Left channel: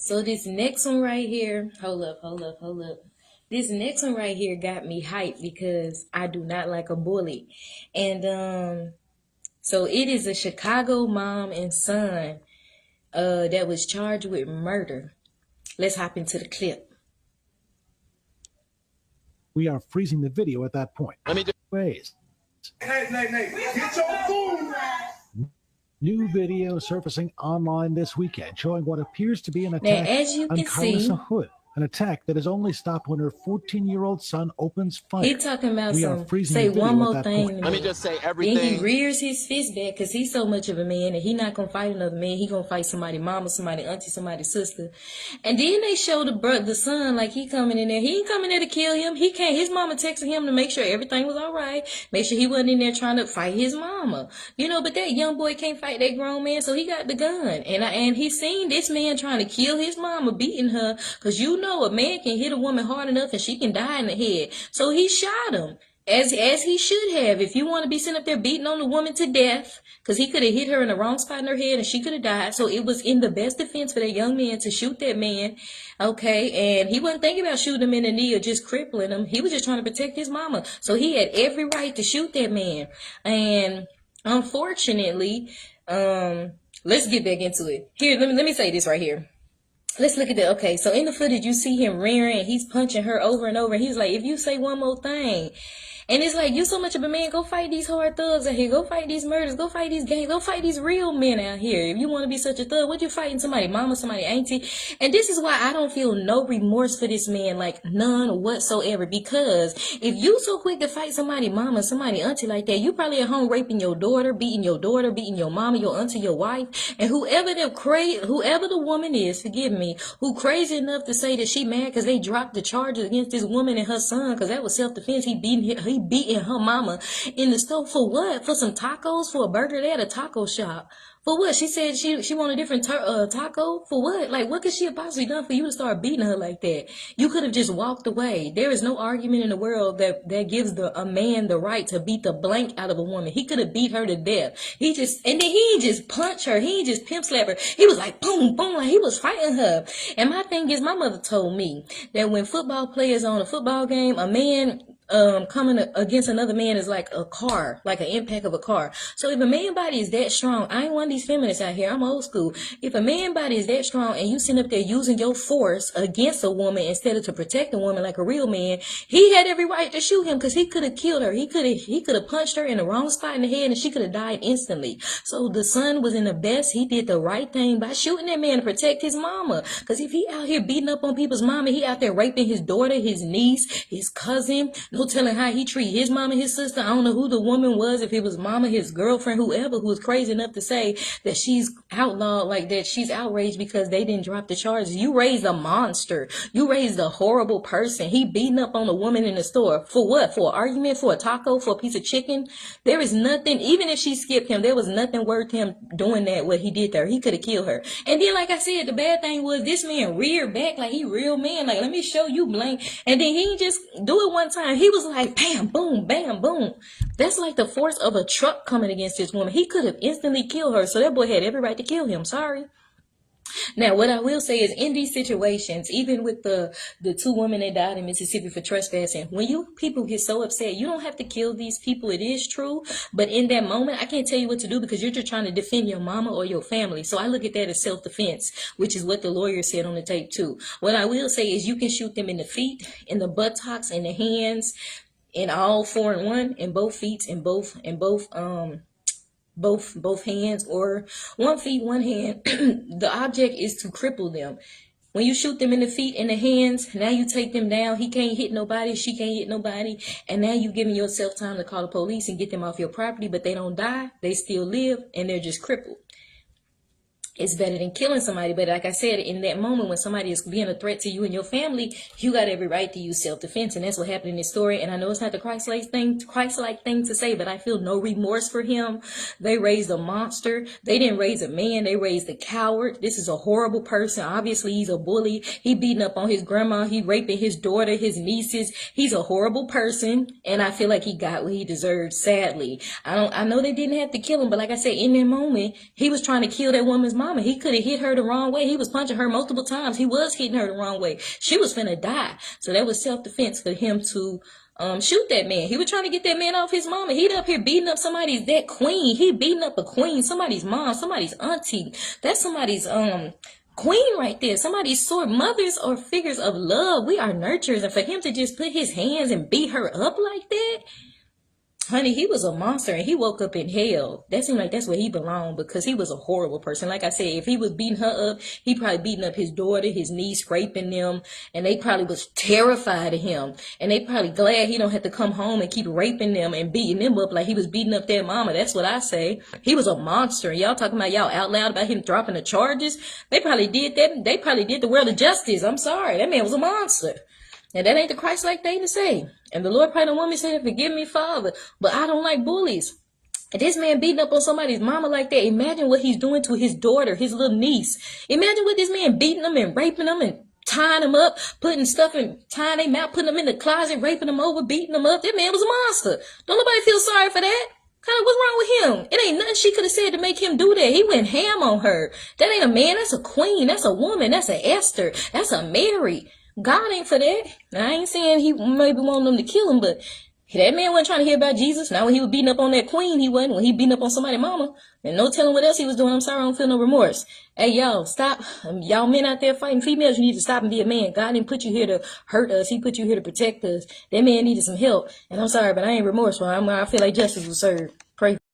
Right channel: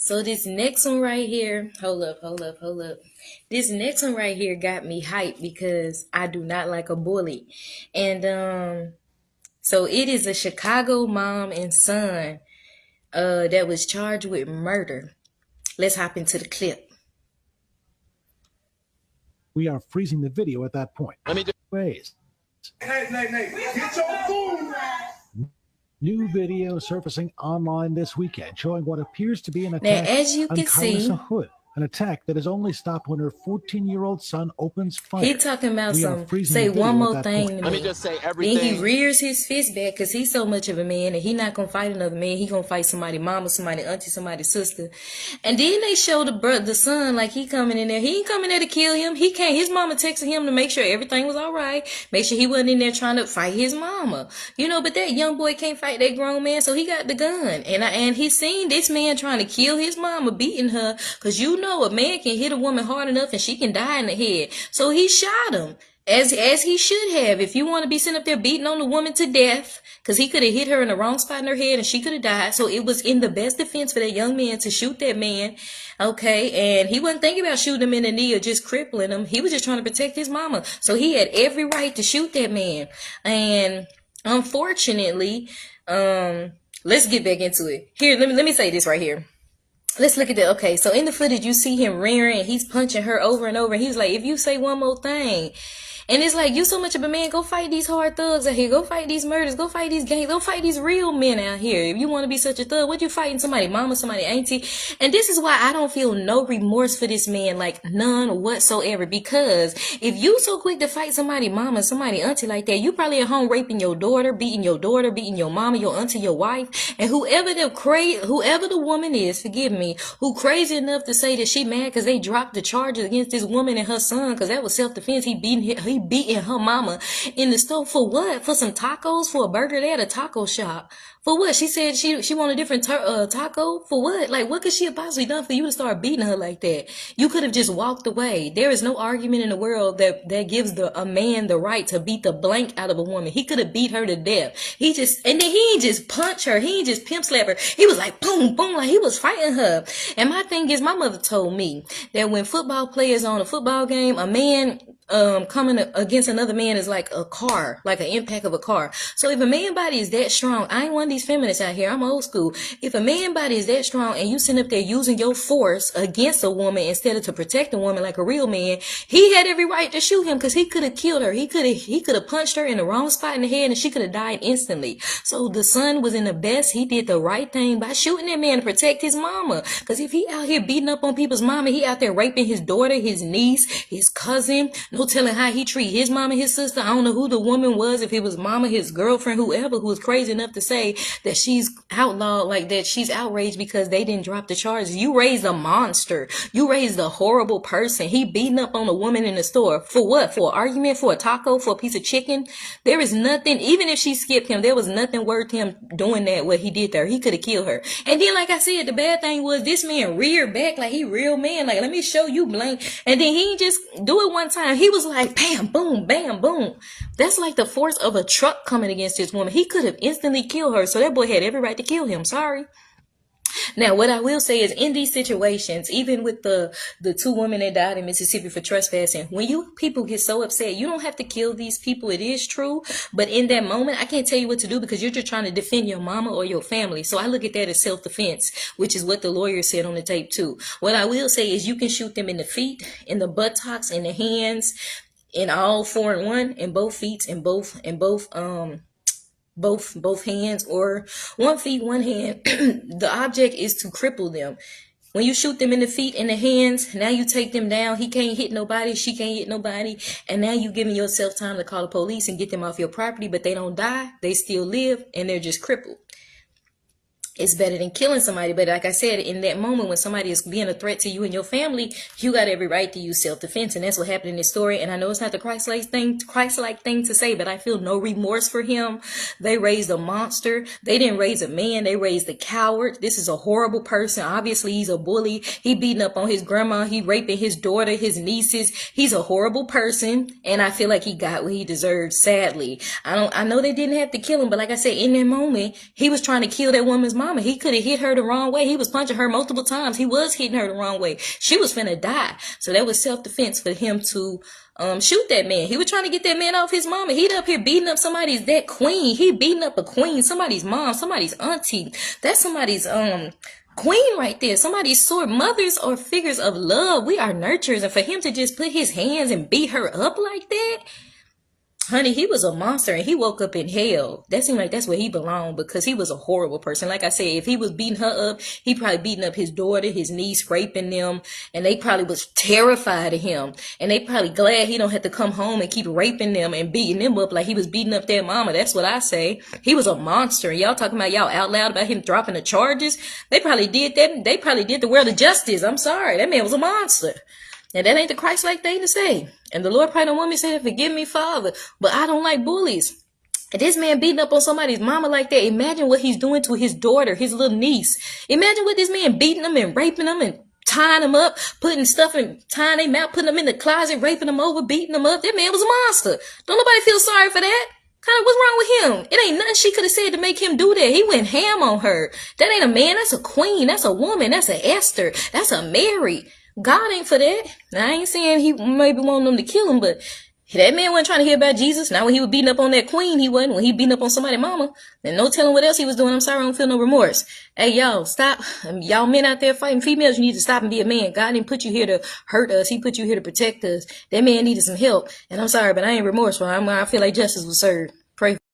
So this next one right here, hold up. This next one right here got me hyped because I do not like a bully. And so it is a Chicago mom and son that was charged with murder. Let's hop into the clip. We are freezing the video at that point. Let me just ways. Hey, get your food. New video surfacing online this weekend showing what appears to be an attack as you on can Carissa see, Hood. An attack that is only stopped when her 14-year-old son opens fire. he talking about we are some, freezing say the video one more at that thing. point. let me just say And everything. he rears his fist back because he's so much of a man and he not gonna fight another man. He gonna fight somebody mama, somebody auntie, somebody sister. And then they show the son like he coming in there. He ain't coming there to kill him. He can't. His mama texted him to make sure everything was all right. Make sure he wasn't in there trying to fight his mama. But that young boy can't fight that grown man, so he got the gun. And he seen this man trying to kill his mama, beating her, because a man can hit a woman hard enough and she can die in the head. So he shot him. As he should have. If you want to be sitting up there beating on the woman to death, because he could have hit her in the wrong spot in her head and she could have died. So it was in the best defense for that young man to shoot that man. Okay, and he wasn't thinking about shooting him in the knee or just crippling him. He was just trying to protect his mama. So he had every right to shoot that man. And unfortunately, let's get back into it. Here, let me say this right here. Let's look at that. Okay, so in the footage, you see him rearing and he's punching her over and over. And he's like, if you say one more thing. And it's like, you so much of a man, go fight these hard thugs out here. Go fight these murders. Go fight these gangs. Go fight these real men out here. If you want to be such a thug, what you fighting somebody, mama, somebody, auntie? And this is why I don't feel no remorse for this man, like none whatsoever. Because if you so quick to fight somebody, mama, somebody, auntie like that, you probably at home raping your daughter, beating your mama, your auntie, your wife. And whoever the woman is, forgive me, who crazy enough to say that she mad because they dropped the charges against this woman and her son because that was self-defense. He beating her mama in the store for what? For some tacos? For a burger? They had a taco shop. For what? She said she want a different taco? For what? Like, what could she have possibly done for you to start beating her like that? You could have just walked away. There is no argument in the world that gives a man the right to beat the blank out of a woman. He could have beat her to death. And then he ain't just punch her. He ain't just pimp slap her. He was like, boom, boom, like he was fighting her. And my thing is, my mother told me that when football players on a football game, a man coming against another man is like a car, like an impact of a car. So if a man body is that strong, I ain't one of these feminists out here, I'm old school. If a man body is that strong and you sitting up there using your force against a woman instead of to protect a woman like a real man, he had every right to shoot him because he could have killed her. He could have punched her in the wrong spot in the head and she could have died instantly. So the son was in the best. He did the right thing by shooting that man to protect his mama. Because if he out here beating up on people's mama, he out there raping his daughter, his niece, his cousin. No telling how he treat his mama, his sister. I don't know who the woman was, if it was mama, his girlfriend, whoever, who was crazy enough to say that she's outlawed, like that she's outraged because they didn't drop the charges. You raised a monster. You raised a horrible person. He beating up on a woman in the store. For what? For an argument? For a taco? For a piece of chicken? There is nothing, even if she skipped him, there was nothing worth him doing that, what he did there. He could have killed her. And then, like I said, the bad thing was this man reared back like he real man. Like, let me show you, blank. And then he just do it one time. He was like, bam, boom, bam, boom. That's like the force of a truck coming against this woman. He could have instantly killed her. So that boy had every right to kill him. Sorry. Now, what I will say is in these situations, even with the two women that died in Mississippi for trespassing, when you people get so upset, you don't have to kill these people. It is true. But in that moment, I can't tell you what to do because you're just trying to defend your mama or your family. So I look at that as self-defense, which is what the lawyer said on the tape too. What I will say is you can shoot them in the feet, in the buttocks, in the hands, in all four in one, in both feet, in both hands, or 1 feet, 1 hand. The object is to cripple them. When you shoot them in the feet and the hands, now you take them down. He can't hit nobody. She can't hit nobody. And now you giving yourself time to call the police and get them off your property, but they don't die. They still live and they're just crippled. It's better than killing somebody. But like I said, in that moment when somebody is being a threat to you and your family, you got every right to use self-defense. And that's what happened in this story. And I know it's not the Christ-like thing to say, but I feel no remorse for him. They raised a monster. They didn't raise a man. They raised a coward. This is a horrible person. Obviously, he's a bully. He beating up on his grandma. He raping his daughter, his nieces. He's a horrible person. And I feel like he got what he deserved, sadly. I know they didn't have to kill him, but like I said, in that moment, he was trying to kill that woman's mom. mama. He could have hit her the wrong way. He was punching her multiple times. He was hitting her the wrong way. She was finna die. So that was self-defense for him to shoot that man. He was trying to get that man off his mama. He up here beating up somebody's that queen. He beating up a queen, somebody's mom, somebody's auntie. That's somebody's queen right there. Somebody's sort. Mothers are figures of love. We are nurturers. And for him to just put his hands and beat her up like that, honey, he was a monster and he woke up in hell. That seemed like that's where he belonged because he was a horrible person. Like I said, if he was beating her up, he probably beating up his daughter, his niece, raping them, and they probably was terrified of him. And they probably glad he don't have to come home and keep raping them and beating them up like he was beating up their mama. That's what I say. He was a monster. Y'all talking about y'all out loud about him dropping the charges? They probably did that. They probably did the world of justice. I'm sorry. That man was a monster. And that ain't the Christ-like thing to say. And the Lord probably don't want me to say that, forgive me, Father. But I don't like bullies. And this man beating up on somebody's mama like that, imagine what he's doing to his daughter, his little niece. Imagine what this man beating them and raping them and tying them up, putting stuff and tying them out, putting them in the closet, raping them over, beating them up. That man was a monster. Don't nobody feel sorry for that? What's wrong with him? It ain't nothing she could have said to make him do that. He went ham on her. That ain't a man. That's a queen. That's a woman. That's a Esther. That's a Mary. God ain't for that. Now, I ain't saying he maybe want them to kill him, but that man wasn't trying to hear about Jesus. Now, when he was beating up on that queen, he wasn't. When he beating up on somebody's mama, then no telling what else he was doing. I'm sorry, I don't feel no remorse. Hey, y'all, stop. Y'all men out there fighting females, you need to stop and be a man. God didn't put you here to hurt us. He put you here to protect us. That man needed some help. And I'm sorry, but I ain't remorseful. I feel like justice was served. Pray.